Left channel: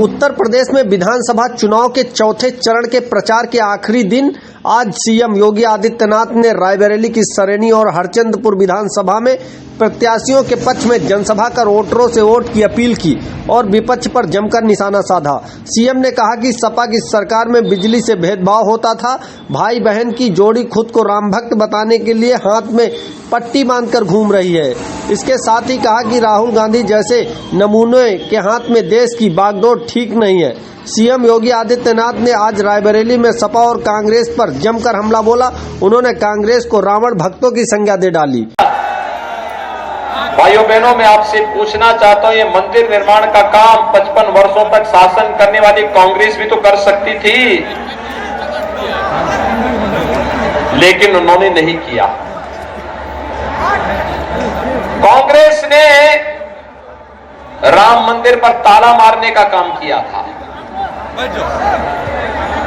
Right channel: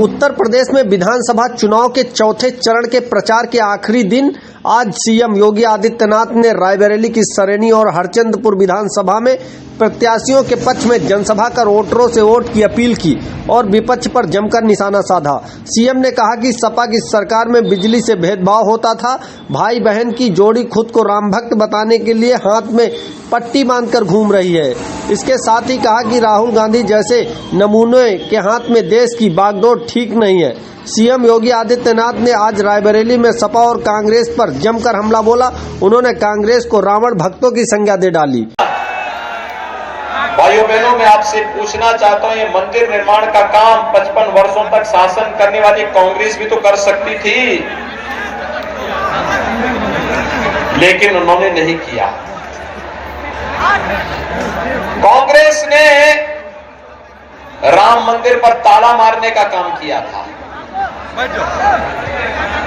उत्तर प्रदेश में विधानसभा चुनाव के चौथे चरण के प्रचार के आखिरी दिन आज सीएम योगी आदित्यनाथ ने रायबरेली की सरेनी और हरचंदपुर विधानसभा में प्रत्याशियों के पक्ष में जनसभा कर वोटरों से वोट की अपील की और विपक्ष पर जमकर निशाना साधा। सीएम ने कहा कि सपा की सरकार में बिजली से भेदभाव होता था, भाई बहन की जोड़ी खुद को राम भक्त बताने के लिए हाथ में पट्टी बांधकर घूम रही है। इसके साथ ही कहा कि राहुल गांधी जैसे नमूने के हाथ में देश की बागडोर ठीक नहीं है। सीएम योगी आदित्यनाथ ने आज रायबरेली में सपा और कांग्रेस पर जमकर हमला बोला। उन्होंने कांग्रेस को रावण भक्तों की संज्ञा दे डाली। भाइयों बहनों, मैं आपसे पूछना चाहता हूं, ये मंदिर निर्माण का काम 55 वर्षों तक शासन करने वाली कांग्रेस भी तो कर सकती थी, लेकिन उन्होंने नहीं किया। कांग्रेस ने राम मंदिर पर ताला मारने का काम किया था।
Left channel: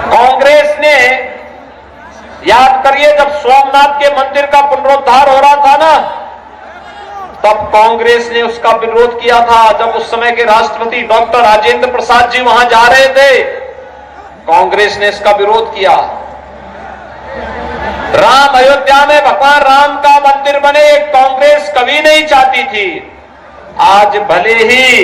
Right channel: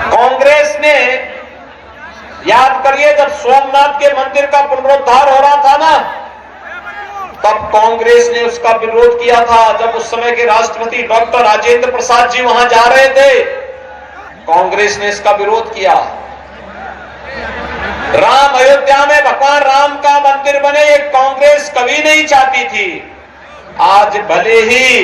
कांग्रेस ने, याद करिए, जब सोमनाथ के मंदिर का पुनरुद्धार हो रहा था ना, तब कांग्रेस ने उसका विरोध किया था। जब उस समय के राष्ट्रपति डॉक्टर राजेंद्र प्रसाद जी वहां जा रहे थे, कांग्रेस ने इसका विरोध किया। राम अयोध्या में भगवान राम का मंदिर बने, ये कांग्रेस कभी नहीं चाहती थी। आज भले ही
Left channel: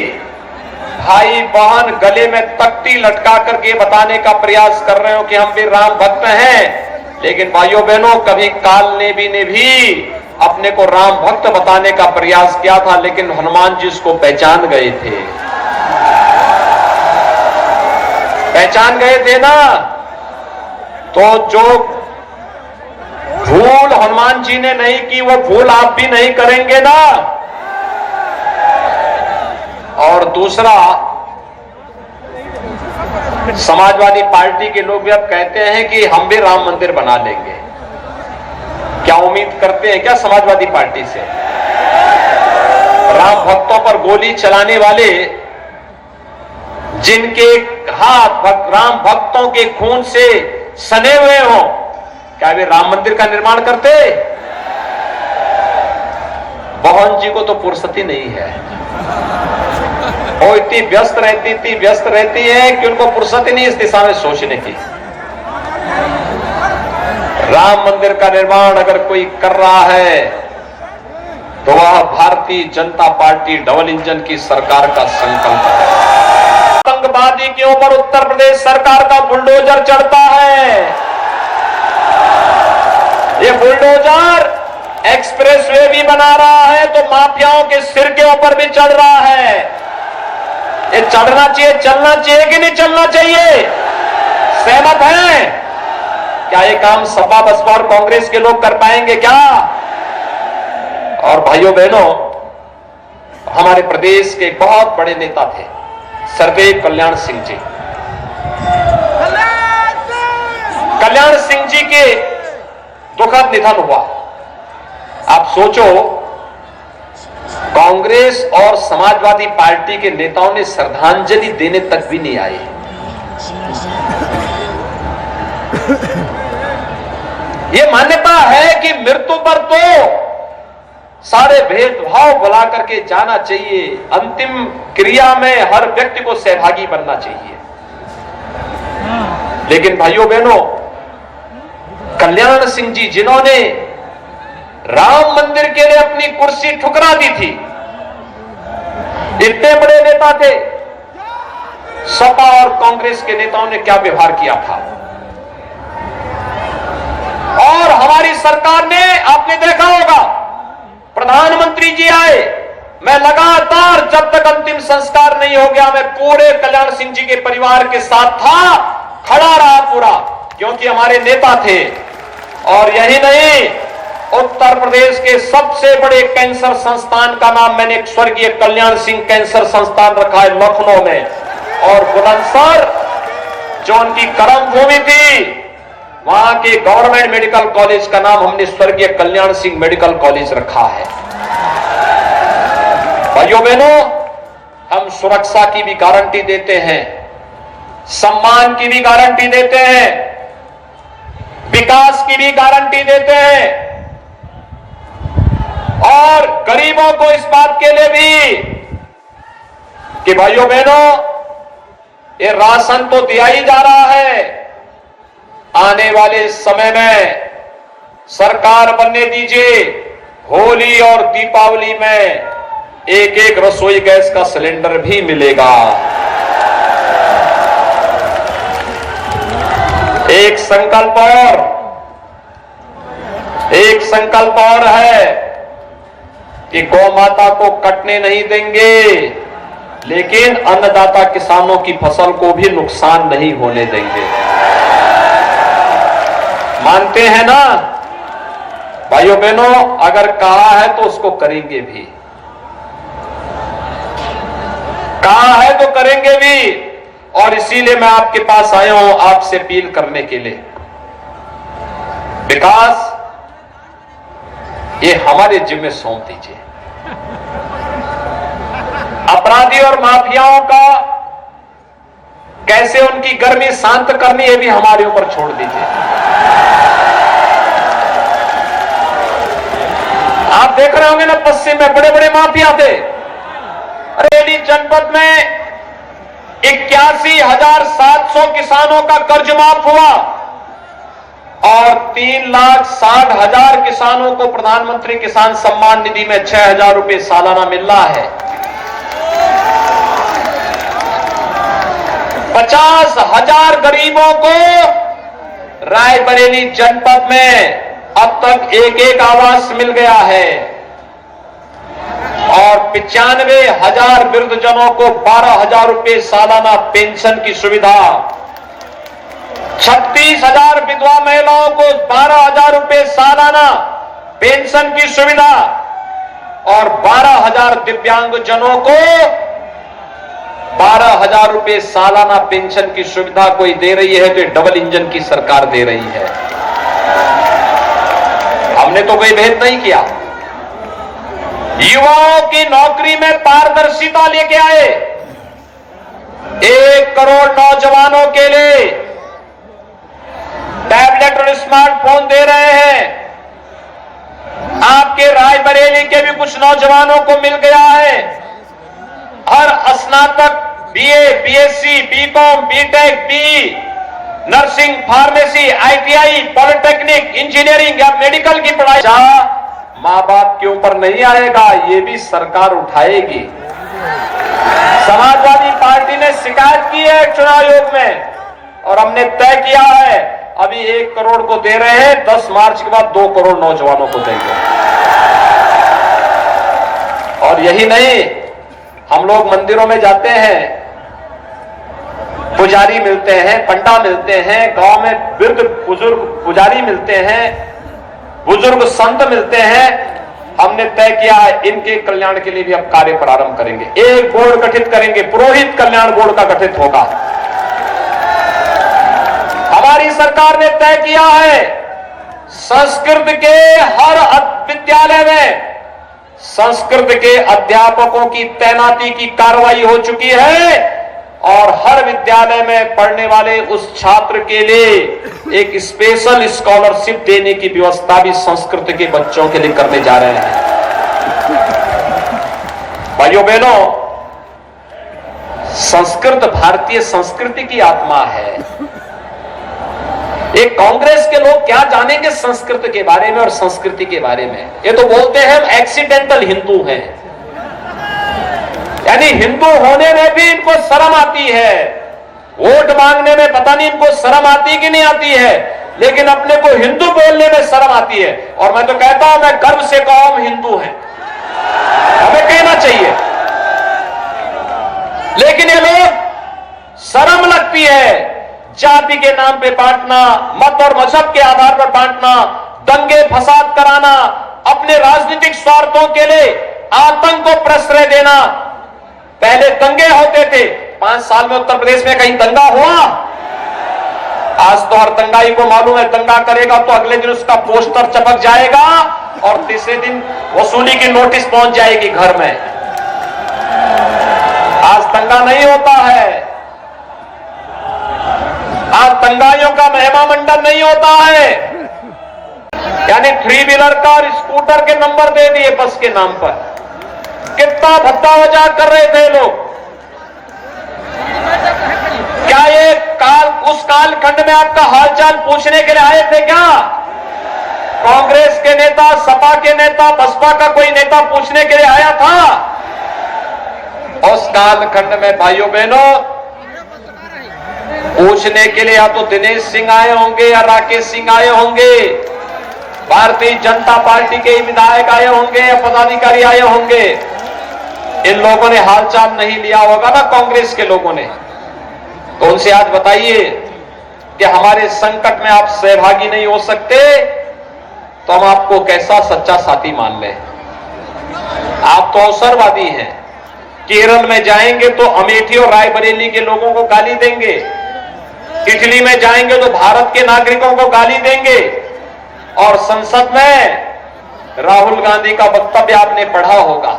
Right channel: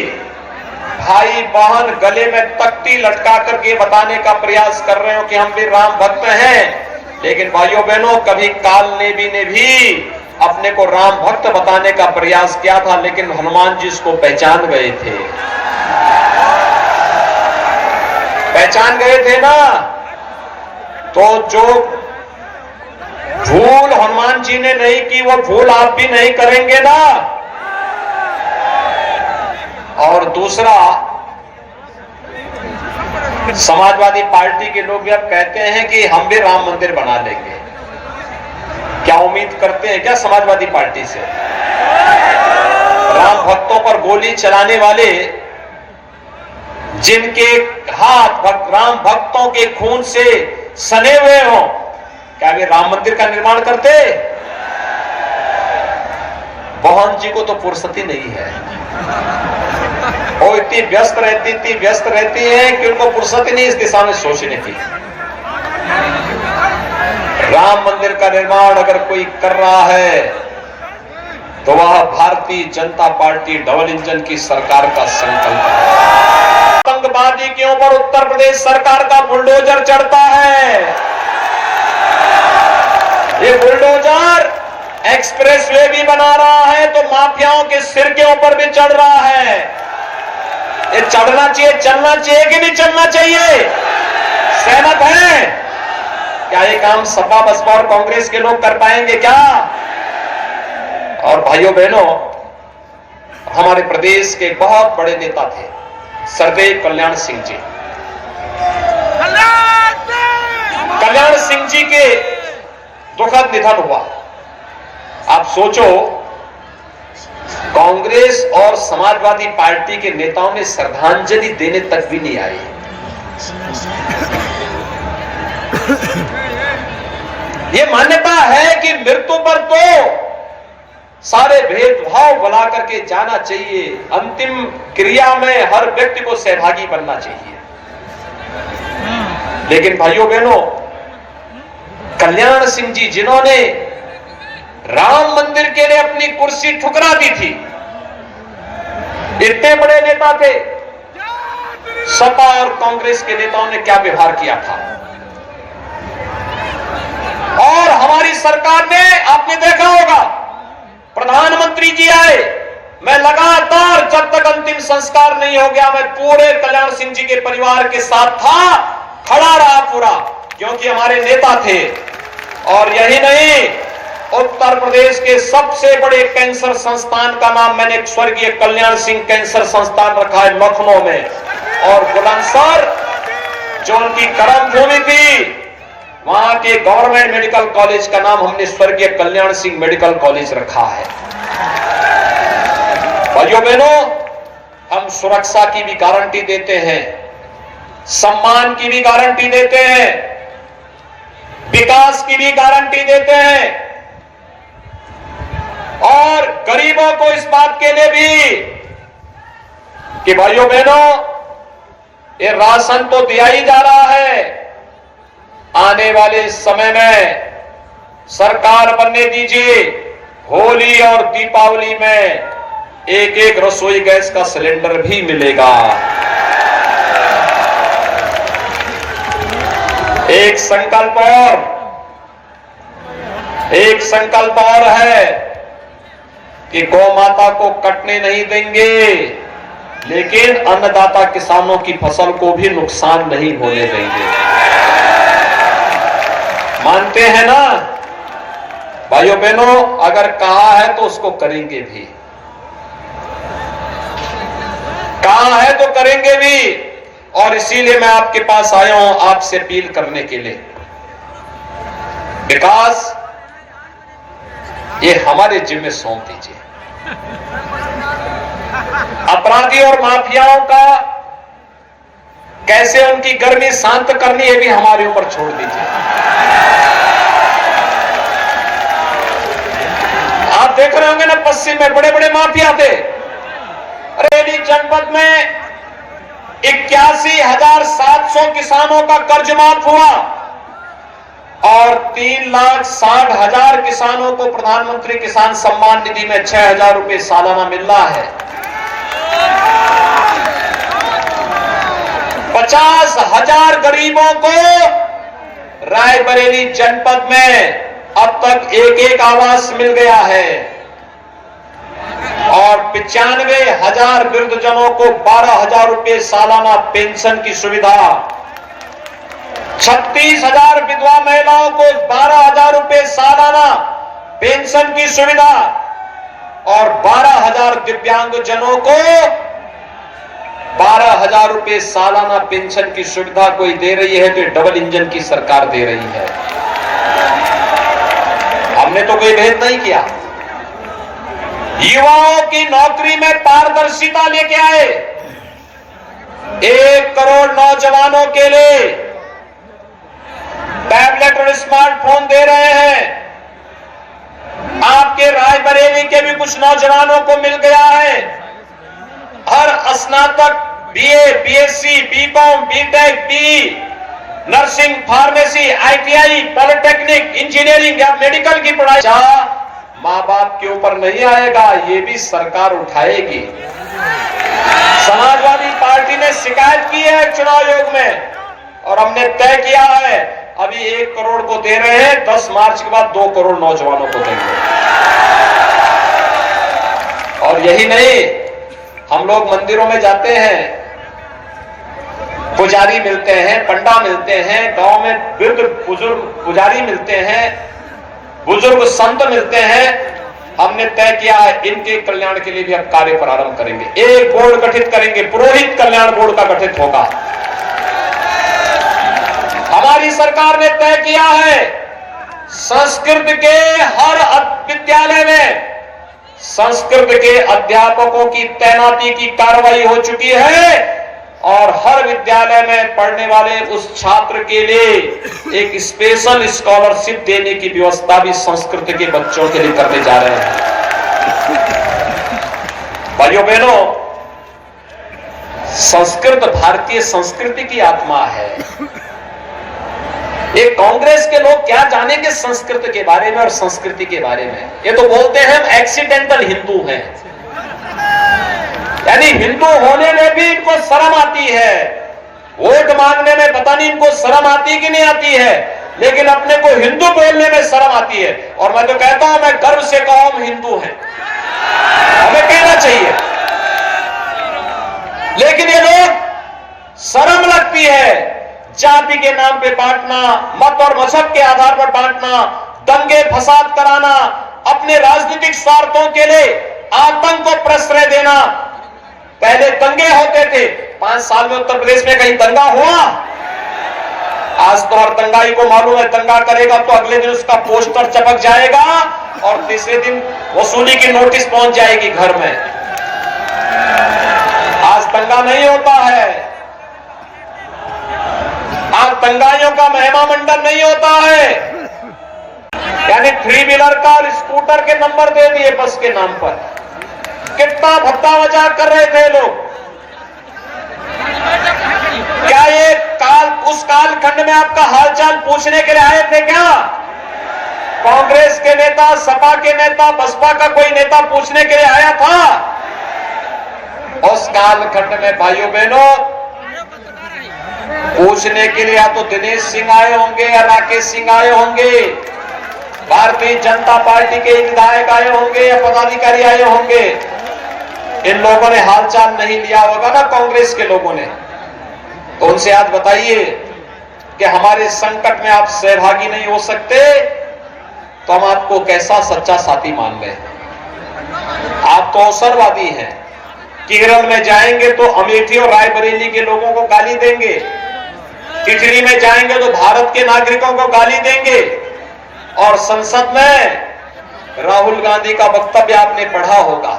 भाई बहन गले में तख्ती लटका करके बताने का प्रयास कर रहे हो कि हम भी राम भक्त हैं, लेकिन भाइयों बहनों, कभी काल ने भी अपने को राम भक्त बताने का प्रयास किया था, लेकिन हनुमान जी उसको पहचान गए थे। पहचान गए थे ना, तो जो भूल हनुमान जी ने नहीं की, वो भूल आप भी नहीं करेंगे ना। और दूसरा, समाजवादी पार्टी के लोग भी अब कहते हैं कि हम भी राम मंदिर बना लेंगे। क्या उम्मीद करते हैं क्या समाजवादी पार्टी से? राम भक्तों पर गोली चलाने वाले, जिनके हाथ राम भक्तों के खून से सने हुए हों, क्या वे राम मंदिर का निर्माण करते? बहन जी को तो फुर्सत ही नहीं है। वो इतनी व्यस्त रहती है कि उनको फुर्सत ही नहीं इस दिशा में सोचने की। राम मंदिर का निर्माण अगर कोई कर रहा है तो वह Bharatiya Janata party double engine की सरकार का संकल्प है। आतंकवादी के ऊपर उत्तर प्रदेश सरकार का बुलडोजर चढ़ता है। ये बुलडोजर एक्सप्रेसवे भी बना रहा है तो माफियाओं के सिर के ऊपर भी चढ़ रहा है। ये चढ़ना चाहिए, चलना चाहिए कि नहीं चलना चाहिए? सहमत हैं? क्या ये काम सपा बसपा और कांग्रेस के लोग कर पाएंगे क्या? और भाइयों बहनों, हमारे प्रदेश के एक बहुत बड़े नेता थे सरदेव कल्याण सिंह जी। कल्याण सिंह जी के दुखद निधन हुआ। आप सोचो, कांग्रेस और समाजवादी पार्टी के नेताओं ने श्रद्धांजलि देने तक भी नहीं आए। ये मान्यता है कि मृत्यु पर तो सारे भेदभाव भुला करके जाना चाहिए। अंतिम क्रिया में हर व्यक्ति को सहभागी बनना चाहिए। लेकिन भाइयों बहनों, कल्याण सिंह जी, जिन्होंने राम मंदिर के लिए अपनी कुर्सी ठुकरा दी थी, इतने बड़े नेता थे, सपा और कांग्रेस के नेताओं ने क्या व्यवहार किया था। और हमारी सरकार ने, आपने देखा होगा, प्रधानमंत्री जी आए, मैं लगातार जब तक अंतिम संस्कार नहीं हो गया, मैं पूरे कल्याण सिंह जी के परिवार के साथ था, खड़ा रहा पूरा, क्योंकि हमारे नेता थे। और यही नहीं, उत्तर प्रदेश के सबसे बड़े कैंसर संस्थान का नाम मैंने स्वर्गीय कल्याण सिंह कैंसर संस्थान रखा है लखनऊ में। और बुलंदशहर, जो उनकी कर्म भूमि थी, वहां के गवर्नमेंट मेडिकल कॉलेज का नाम हमने स्वर्गीय कल्याण सिंह मेडिकल कॉलेज रखा है। भाइयों बहनों, हम सुरक्षा की भी गारंटी देते हैं, सम्मान की भी गारंटी देते हैं, विकास की भी गारंटी देते हैं, और गरीबों को इस बात के लिए भी कि भाइयों बहनों, ये राशन तो दिया ही जा रहा है। आने वाले समय में सरकार बनने दीजिए, होली और दीपावली में एक एक रसोई गैस का सिलेंडर भी मिलेगा। एक संकल्प और है कि गौ माता को कटने नहीं देंगे, लेकिन अन्नदाता किसानों की फसल को भी नुकसान नहीं होने देंगे। मानते हैं ना भाइयों बहनों? अगर कहा है तो उसको करेंगे भी, कहा है तो करेंगे भी। और इसीलिए मैं आपके पास आया हूं आपसे अपील करने के लिए। विकास ये हमारे जिम्मे सौंप दीजिए। अपराधी और माफियाओं का कैसे उनकी गर्मी शांत करनी है भी हमारे ऊपर छोड़ दीजिए। आप देख रहे होंगे ना, पश्चिम में बड़े बड़े माफिया थे। बरेली जनपद में 81,700 किसानों का कर्ज माफ हुआ और 3,60,000 किसानों को प्रधानमंत्री किसान सम्मान निधि में 6,000 रुपए सालाना मिल रहा है। 50,000 गरीबों को रायबरेली जनपद में अब तक एक आवास मिल गया है और 95,000 वृद्धजनों को 12,000 रुपए सालाना पेंशन की सुविधा, 36,000 विधवा महिलाओं को 12,000 रुपए सालाना पेंशन की सुविधा और 12,000 दिव्यांगजनों को 12,000 रुपए सालाना पेंशन की सुविधा कोई दे रही है तो डबल इंजन की सरकार दे रही है। हमने तो कोई भेद नहीं किया। युवाओं की नौकरी में पारदर्शिता लेके आए। 1 करोड़ नौजवानों के लिए टैबलेट और स्मार्टफोन दे रहे हैं। आपके रायबरेली के भी कुछ नौजवानों को मिल गया है। हर स्नातक BA, BSc, BCom, BTech, B nursing, pharmacy, ITI, polytechnic, engineering या मेडिकल की पढ़ाई मां बाप के ऊपर नहीं आएगा, ये भी सरकार उठाएगी। समाजवादी पार्टी ने शिकायत की है चुनाव आयोग में और हमने तय किया है अभी 1 करोड़ को दे रहे हैं, 10 मार्च के बाद 2 करोड़ नौजवानों को देंगे। और यही नहीं, हम लोग मंदिरों में जाते हैं, पुजारी मिलते हैं, पंडा मिलते हैं, गांव में वृद्ध बुजुर्ग पुजारी मिलते हैं, बुजुर्ग संत मिलते हैं। हमने तय किया है इनके कल्याण के लिए भी अब कार्य प्रारंभ करेंगे। एक बोर्ड गठित करेंगे, पुरोहित कल्याण बोर्ड का गठित होगा। हमारी सरकार ने तय किया है संस्कृत के हर विद्यालय में संस्कृत के अध्यापकों की तैनाती की कार्रवाई हो चुकी है और हर विद्यालय में पढ़ने वाले उस छात्र के लिए एक स्पेशल स्कॉलरशिप देने की व्यवस्था भी संस्कृत के बच्चों के लिए करने जा रहे हैं। भाइयों बहनों, संस्कृत भारतीय संस्कृति की आत्मा है। ये कांग्रेस के लोग क्या जानेंगे संस्कृत के बारे में और संस्कृति के बारे में। ये तो बोलते हैं हम एक्सीडेंटल हिंदू हैं, यानी हिंदू होने में भी इनको शर्म आती है। वोट मांगने में पता नहीं इनको शर्म आती कि नहीं आती है, लेकिन अपने को हिंदू बोलने में शर्म आती है। और मैं तो कहता हूं, मैं गर्व से कहूं हम हिंदू हैं, हमें कहना चाहिए। लेकिन ये लोग शर्म लगती है जाति के नाम पे बांटना, मत और मजहब के आधार पर बांटना, दंगे फसाद कराना, अपने राजनीतिक स्वार्थों के लिए आतंक को प्रश्रय देना। पहले दंगे होते थे, 5 साल में उत्तर प्रदेश में कहीं दंगा हुआ? आज तो हर दंगाई को मालूम है दंगा करेगा तो अगले दिन उसका पोस्टर चपक जाएगा और तीसरे दिन वसूली की नोटिस पहुंच जाएगी घर में। आज दंगा नहीं होता है, आज दंगाइयों का महिमा मंडन नहीं होता है। यानी 3 व्हीलर का और स्कूटर के नंबर दे दिए बस के नाम पर। कितना भत्ता वजा कर रहे थे लोग। उत्तराखंड में आपका हालचाल पूछने के लिए आए थे क्या? कांग्रेस के नेता, सपा के नेता, बसपा का कोई नेता पूछने के लिए आया था? उस कालखंड में भाइयों बहनों पूछने के लिए या तो दिनेश सिंह आए होंगे या राकेश सिंह आए होंगे, भारतीय जनता पार्टी के विधायक आए होंगे या पदाधिकारी आए होंगे। इन लोगों ने हालचाल नहीं लिया होगा ना कांग्रेस के लोगों ने। तो उनसे आज बताइए कि हमारे संकट में आप सहभागी नहीं हो सकते तो हम आपको कैसा सच्चा साथी मान लें? आप तो अवसरवादी हैं। केरल में जाएंगे तो अमेठी और रायबरेली के लोगों को गाली देंगे, इटली में जाएंगे तो भारत के नागरिकों को गाली देंगे, और संसद में राहुल गांधी का वक्तव्य आपने पढ़ा होगा।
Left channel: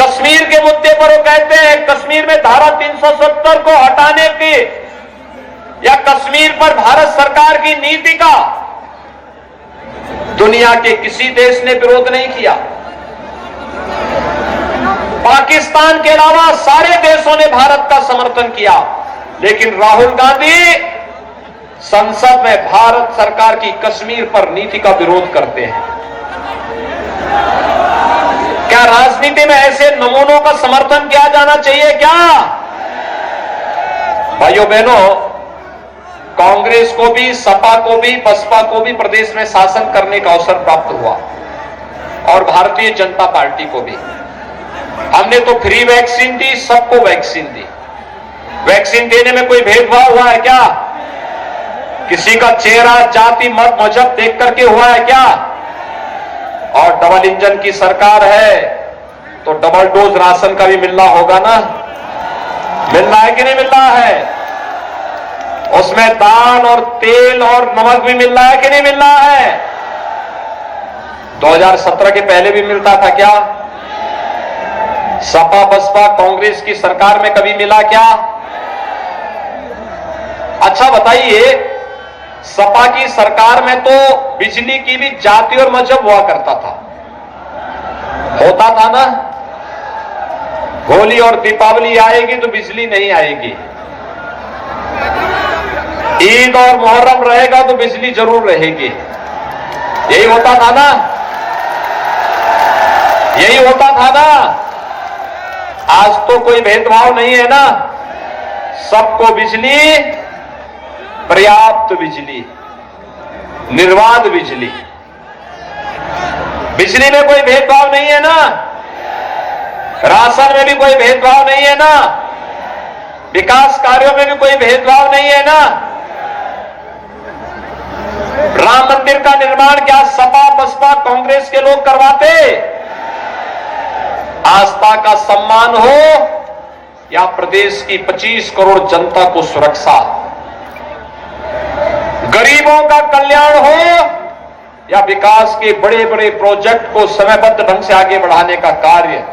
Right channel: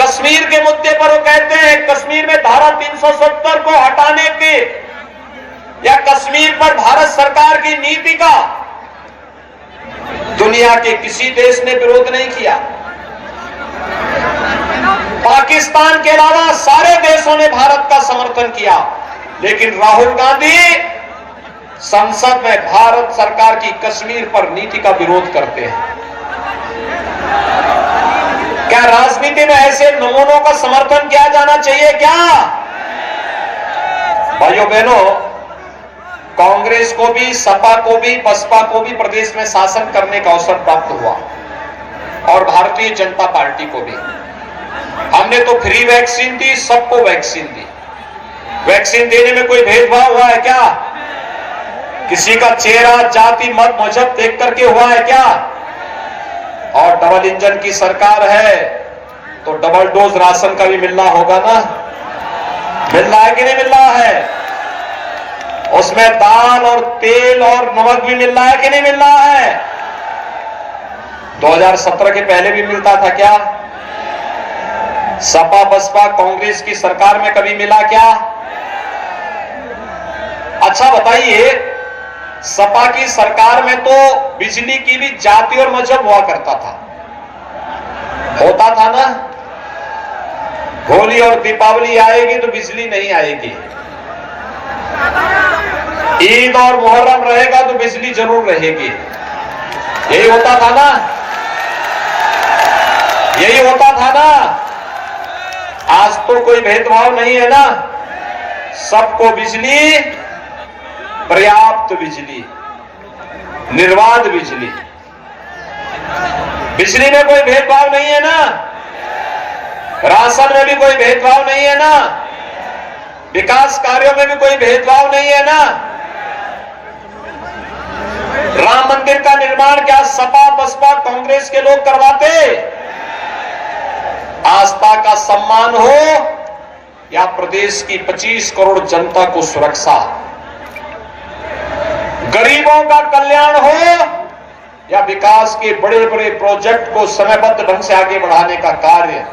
कश्मीर के मुद्दे पर वो कहते हैं कश्मीर में धारा 370 को हटाने के या कश्मीर पर भारत सरकार की नीति का दुनिया के किसी देश ने विरोध नहीं किया। पाकिस्तान के अलावा सारे देशों ने भारत का समर्थन किया, लेकिन राहुल गांधी संसद में भारत सरकार की कश्मीर पर नीति का विरोध करते हैं। क्या राजनीति में ऐसे नमूनों का समर्थन किया जाना चाहिए क्या? भाइयों बहनों, कांग्रेस को भी, सपा को भी, बसपा को भी प्रदेश में शासन करने का अवसर प्राप्त हुआ और भारतीय जनता पार्टी को भी। हमने तो फ्री वैक्सीन दी, सबको वैक्सीन दी। वैक्सीन देने में कोई भेदभाव हुआ है क्या? किसी का चेहरा, जाति, मत, मजहब देख करके हुआ है क्या? और डबल इंजन की सरकार है तो डबल डोज राशन का भी मिलना होगा ना? मिलना है कि नहीं मिलना है? उसमें दाल और तेल और नमक भी मिल रहा है कि नहीं मिल रहा है? 2017 के पहले भी मिलता था क्या? सपा बसपा कांग्रेस की सरकार में कभी मिला क्या? अच्छा बताइए, सपा की सरकार में तो बिजली की भी जाति और मजहब हुआ करता था, होता था ना? होली और दीपावली आएगी तो बिजली नहीं आएगी, ईद और मुहर्रम रहेगा तो बिजली जरूर रहेगी। यही होता था ना? यही होता था ना? आज तो कोई भेदभाव नहीं है ना? सबको बिजली, पर्याप्त बिजली, निर्बाध बिजली। बिजली में कोई भेदभाव नहीं है ना? राशन में भी कोई भेदभाव नहीं है ना? विकास कार्यों में भी कोई भेदभाव नहीं है ना? राम मंदिर का निर्माण क्या सपा बसपा कांग्रेस के लोग करवाते? आस्था का सम्मान हो या प्रदेश की 25 करोड़ जनता को सुरक्षा, गरीबों का कल्याण हो या विकास के बड़े बड़े प्रोजेक्ट को समयबद्ध ढंग से आगे बढ़ाने का कार्य,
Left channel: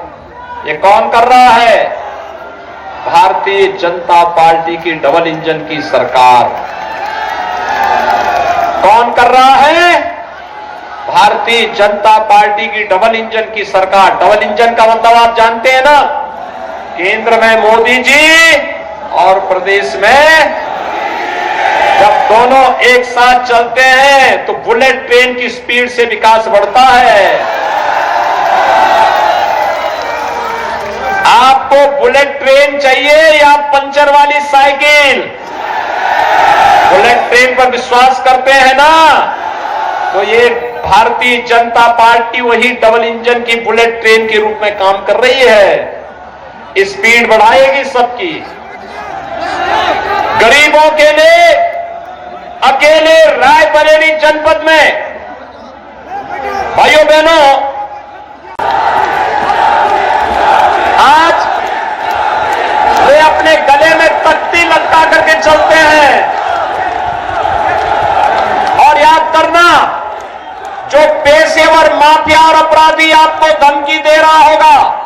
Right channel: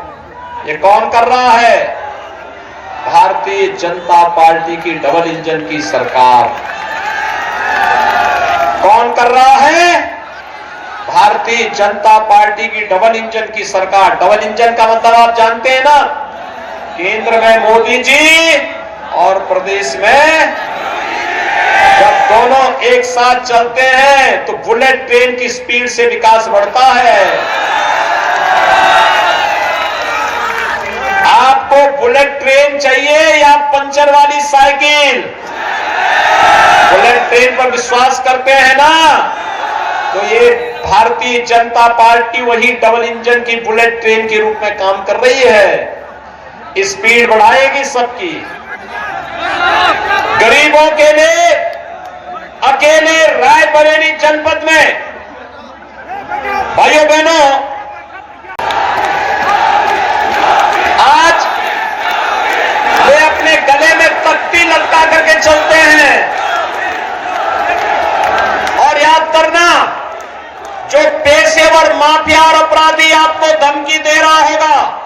ये कौन कर रहा है? भारतीय जनता पार्टी की डबल इंजन की सरकार। कौन कर रहा है? भारतीय जनता पार्टी की डबल इंजन की सरकार। डबल इंजन का मतलब आप जानते हैं ना? केंद्र में मोदी जी और प्रदेश में, जब दोनों एक साथ चलते हैं तो बुलेट ट्रेन की स्पीड से विकास बढ़ता है। आपको बुलेट ट्रेन चाहिए या पंचर वाली साइकिल? बुलेट ट्रेन पर विश्वास करते हैं ना? तो ये भारतीय जनता पार्टी वही डबल इंजन की बुलेट ट्रेन के रूप में काम कर रही है। स्पीड बढ़ाएगी सबकी। गरीबों के लिए अकेले रायबरेली जनपद में, भाइयों बहनों, आज वे अपने गले में तख्ती लटका करके चलते हैं। और याद करना, जो पेशेवर माफिया और अपराधी आपको धमकी दे रहा होगा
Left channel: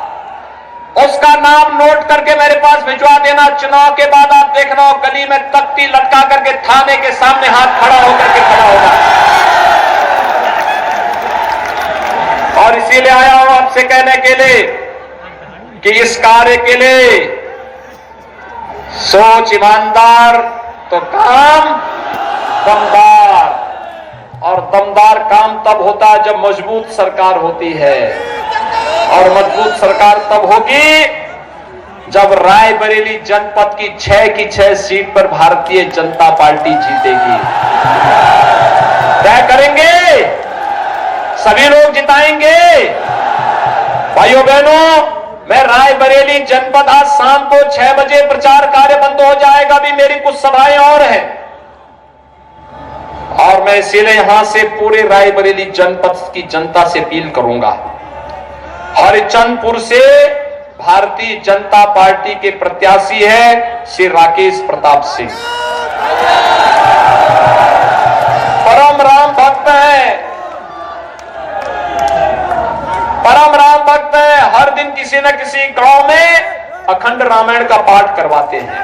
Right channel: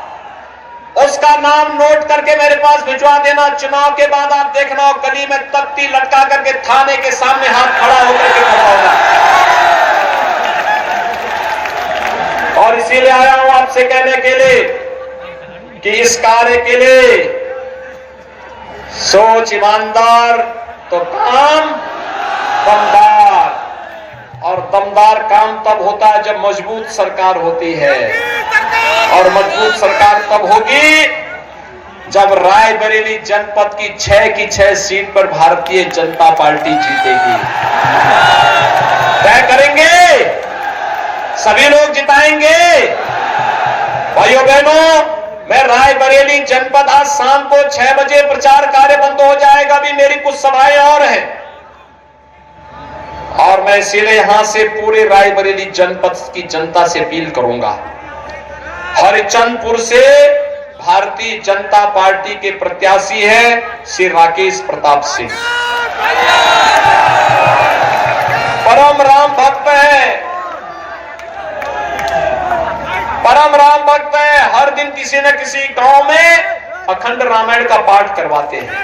उसका नाम नोट करके मेरे पास भिजवा देना। चुनाव के बाद आप देखना, गली में तख्ती लटका करके थाने के सामने हाथ खड़ा होकर के खड़ा होगा। और इसीलिए आया हूं आपसे कहने के लिए कि इस कार्य के लिए सोच, ईमानदार, तो काम दमदार, और दमदार काम तब होता है जब मजबूत सरकार होती है, और मजबूत सरकार तब होगी जब रायबरेली जनपद की 6 सीट पर भारतीय जनता पार्टी जीतेगी। तय करेंगे, सभी लोग जिताएंगे। भाइयों बहनों, मैं रायबरेली जनपद आज शाम को 6 बजे प्रचार कार्य बंद हो जाएगा, भी मेरी कुछ सभाएं और हैं, और मैं इसीलिए यहां से पूरे रायबरेली जनपद की जनता से अपील करूंगा। हरिचंदपुर से भारतीय जनता पार्टी के प्रत्याशी है श्री राकेश प्रताप सिंह। परम राम भक्त है, परम राम भक्त है। हर दिन किसी न किसी गांव में अखंड रामायण का पाठ करवाते हैं।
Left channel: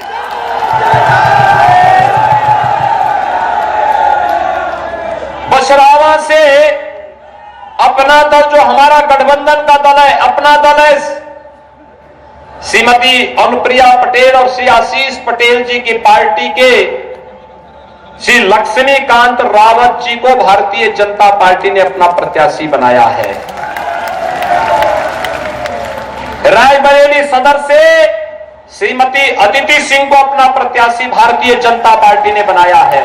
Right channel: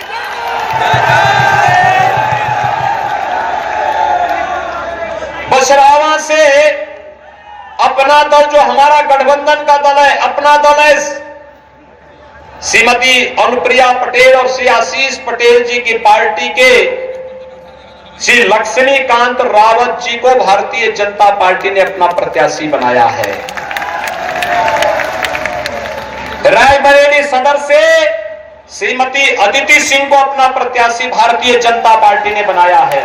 बछरावा से अपना दल, जो हमारा गठबंधन का दल है, अपना दल है, श्रीमती अनुप्रिया पटेल और श्री आशीष पटेल जी की पार्टी के श्री लक्ष्मीकांत रावत जी को भारतीय जनता पार्टी ने अपना प्रत्याशी बनाया है। रायबरेली सदर से श्रीमती अदिति सिंह को अपना प्रत्याशी भारतीय जनता पार्टी ने बनाया है।